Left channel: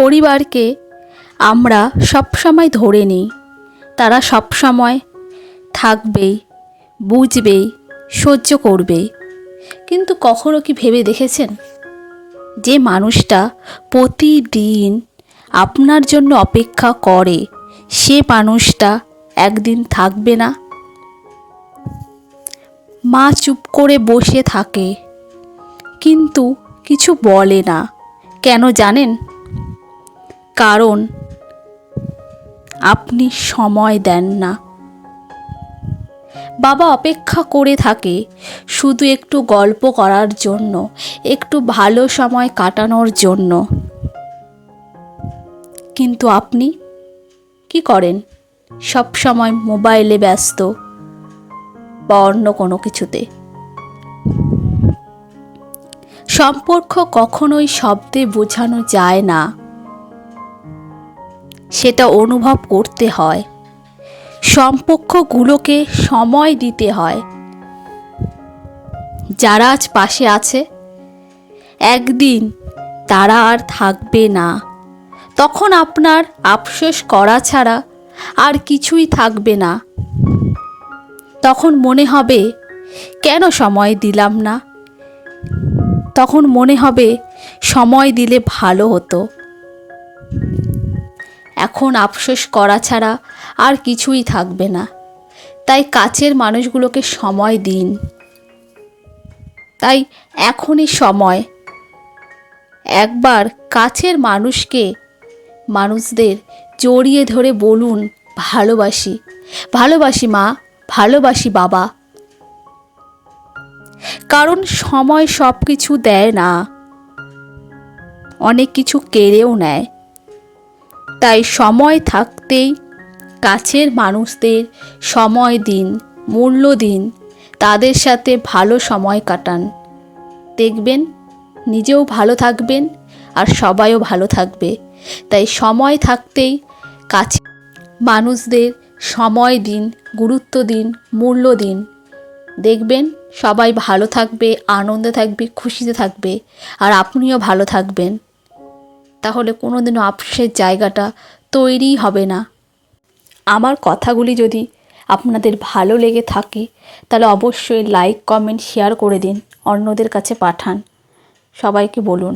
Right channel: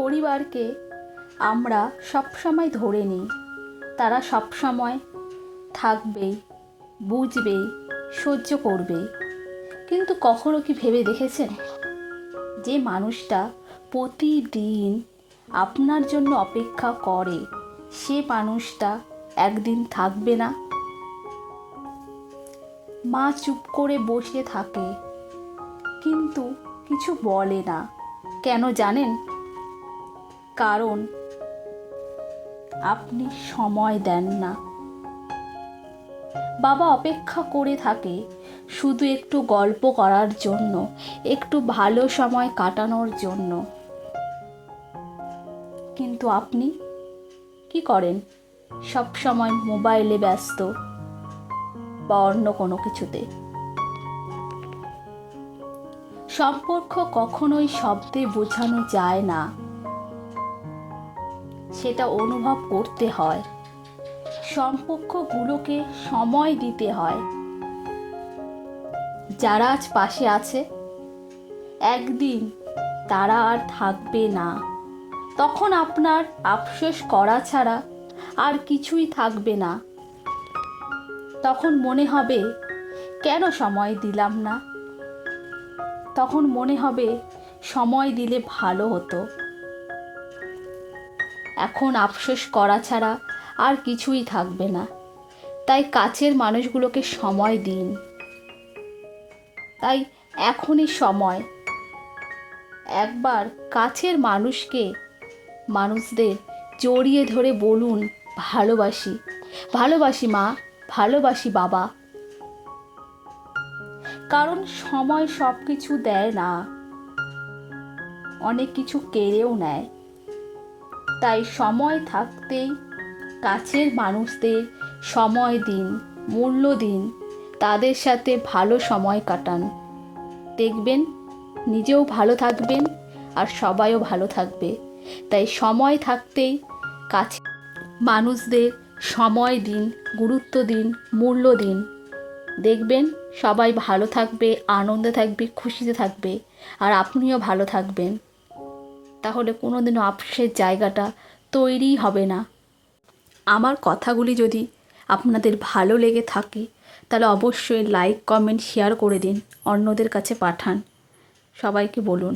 পরিবারকে আমরা সবসময় ধরে নিই, তারা সবসময় থাকবেই, বুঝবেই, সহ্য করবেই। কিন্তু কখনো কি ভেবে দেখেছেন যে মানুষটা প্রতিদিন আপনার জন্য অপেক্ষা করে সে মানুষটা একদিন থাকবে না? মা চুপ করে বসে থাকে কিন্তু কিছু বলে না, কেন জানেন? কারণ আপনি সময় দেন না। বাবা অপেক্ষা করে থাকে শুধু একটু গল্প করার জন্য, একটু ভালো সময় কাটানোর জন্য। কিন্তু আপনি কি করেন? সব সময় মোবাইলে ব্যস্ত বা অন্য কোনো কিছুতে। সম্পর্ক কখনোই শব্দে বোঝানো যায় না, সেটা অনুভব করতে হয়। সম্পর্কগুলোকে সময় দিতে হয়। যারা আজ পাশে আছে একদিন তারা আর থাকবে না, তখন আপনার আফসোস করা ছাড়া আর কিছুই থাকবে না। তখন মনে হবে কেন সময় দিলাম না, তখন মনে হবে সময় দিলে ভালো হতো। এখন আফসোস করা ছাড়া আর কিছুই থাকবে না। তাই কাছের মানুষগুলোকে সময় দিন। তাই এখনই সময়। একবার কাছের মানুষদের জড়িয়ে ধরে বলুন, ভালোবাসি, ভালোবাসি মা, ভালোবাসি বাবা। কারণ সময় সব কিছু দেয় না, অনেক কিছু কেড়েও নেয়। তাই সময় থাকতেই কাছের মানুষদের সময় দিন, মূল্য দিন, তাদের সাথে ভালো সময় কাটান। দেখবেন নিজেও ভালো থাকবেন আর সবাইও ভালো থাকবে। তাই সময় থাকতেই কাছে মানুষদের সময় দিন, গুরুত্ব দিন, মূল্য দিন। দেখবেন সবাই ভালো থাকবে, আনন্দে থাকবে, খুশিতে থাকবে, আর আপনিও ভালো থাকবেন। তাহলে কোনোদিনও আফসোসের জায়গাটা তৈরিই হবে না। আমার কথাগুলি যদি আপনাদের ভালো লেগে থাকে তাহলে অবশ্যই লাইক, কমেন্ট, শেয়ার করে দিন, অন্যদের কাছে পাঠান, সবাইকে বলুন।